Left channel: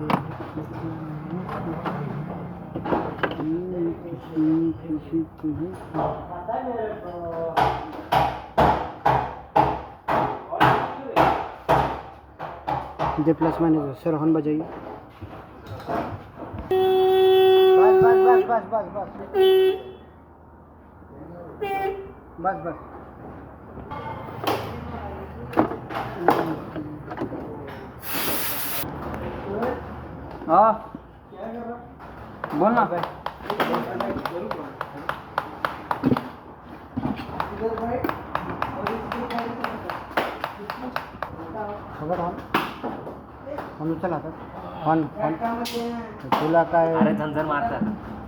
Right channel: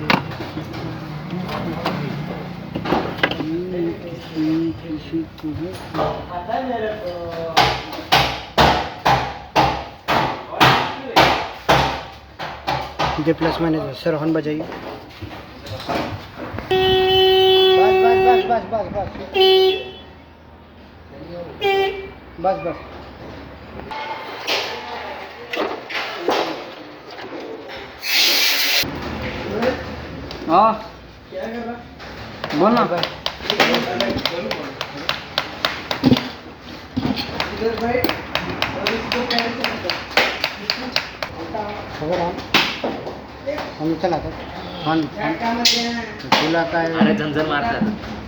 ये plus manager sir horn बजाइए। बस बस बस बस बस बस बस। हाँ बोल ना भाई। हम चला था तुला काय झंझण मारतात।